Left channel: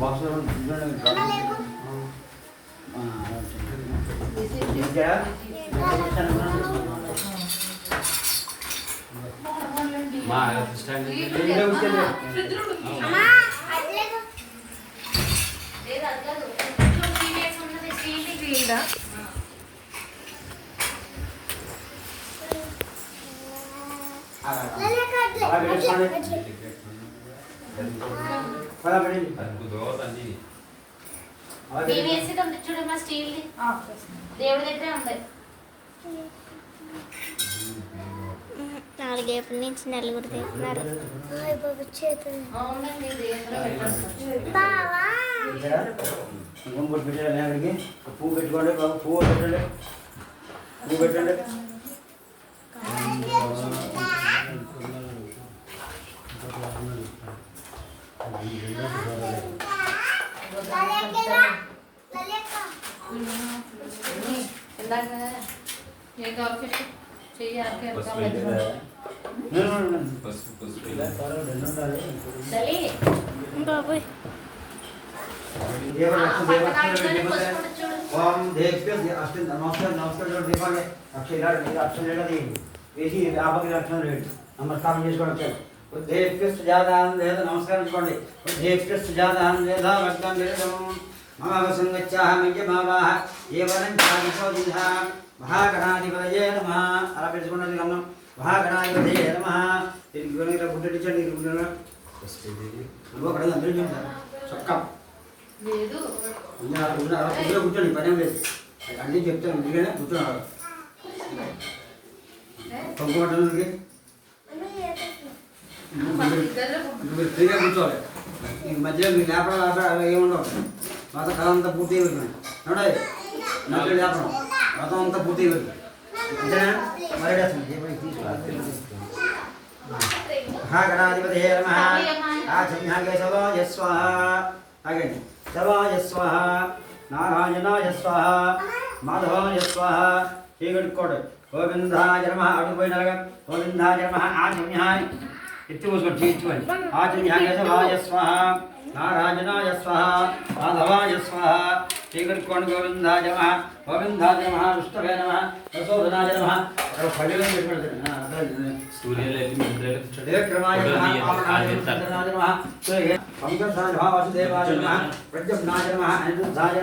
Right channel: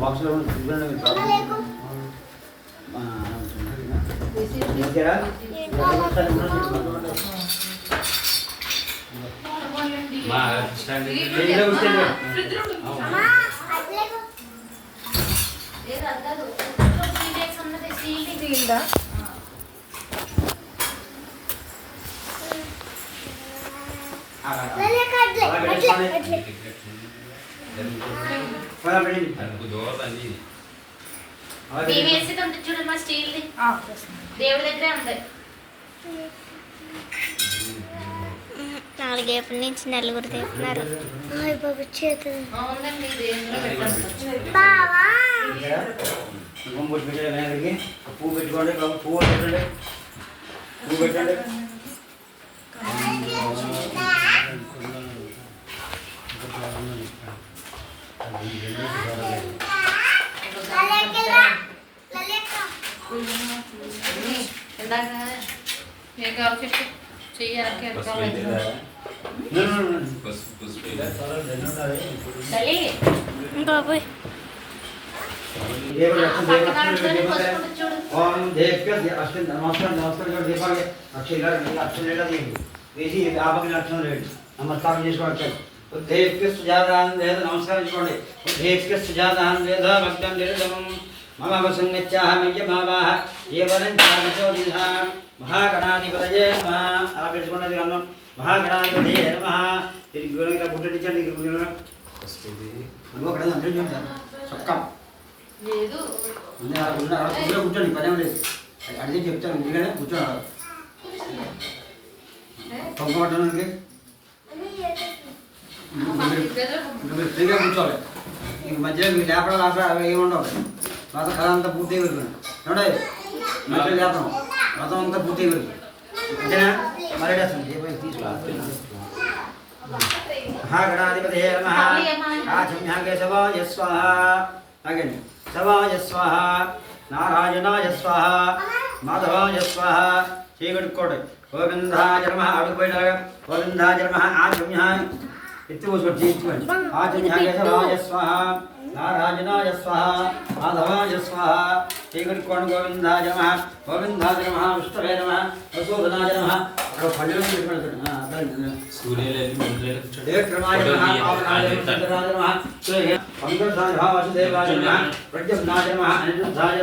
బాక్స్లో చూడమ్మా స్టీల్ దేవుడి దగ్గరే ఉంది. 4 ఏప్రిల్ నుంచి నలుగురు తెస్తున్నారు. పువ్వు పెట్టుకోండి, పువ్వు పెట్టండి, పువ్వు పెట్టండి. బాబోయ్ ఓం దేవ్య అష్టం నమస్కారం నమస్కారం దీపాన్ని అక్షరం వేసి ఆపకి అక్షరం వేయండి. నమస్కారం చేసుకోండి. దేవ్య సుజాతాన్ వేద నమస్కరించుకోండి. దేవ్య సుజాతాన్ వేద భక్తం నిరదమం మమ సంగత్యాహమయ్య భావాః ఏవరం చావిచోదిః మహాగణాధిపతయే నమః. అలా పెట్టుకున్నది అన్నం. మహాగణాధిపతయే నమః. దీనికి గుణంగా గుడ్డటించండి. అక్కడ అందరూ చూడండి చొక్కా కూర్చోండి, పని లేదు. అన్నీ చెప్తాను ఎందుకంటే కూర్చోవాలి. పంపబట్టడానికి మీరు ఫ్రీగా కూర్చోవాలి. ఇంక మధ్యలో మీకు లేపడం ఆపడం ఏముండవు. మొత్తం కథ అంతా పూర్తి అయిపోతుంది. ఏమంటే మధ్యలో లేపడం మొత్తం అంతా పూర్తి అయిపోతుంది. అంతేనా? మరి తీసుకోవాలి. మహాగణాధిపతయే నమః. ఆచమ్యాగే సవాయ స్వాహ. ఆగండి. శవాయ స్వాహ, నారాయణాయ స్వాహ, మాధవాయ స్వాహ. చీకట్టుకోండి. గోవిందాయ నమః. అడుగుపోయినారుగా గోవిందాయ నమః. ఆచమ్యాయ ఎత్తి కూర్చోండి, తీర్చుకోండి. ఆచమ్యాగే శవాయ స్వాహ, నారాయణాయ స్వాహ, మాధవాయ స్వాహ. చీకట్టుకోండి. గోవిందాయ నమః. గోవిందాయ నమః. విష్ణవే నమః. ప్రసోదనాయ నమః. అక్కడ పల్లెలు పెట్టుకోండి. ప్రద్యుమ్నాయ నమః. అనిరుద్ధాయ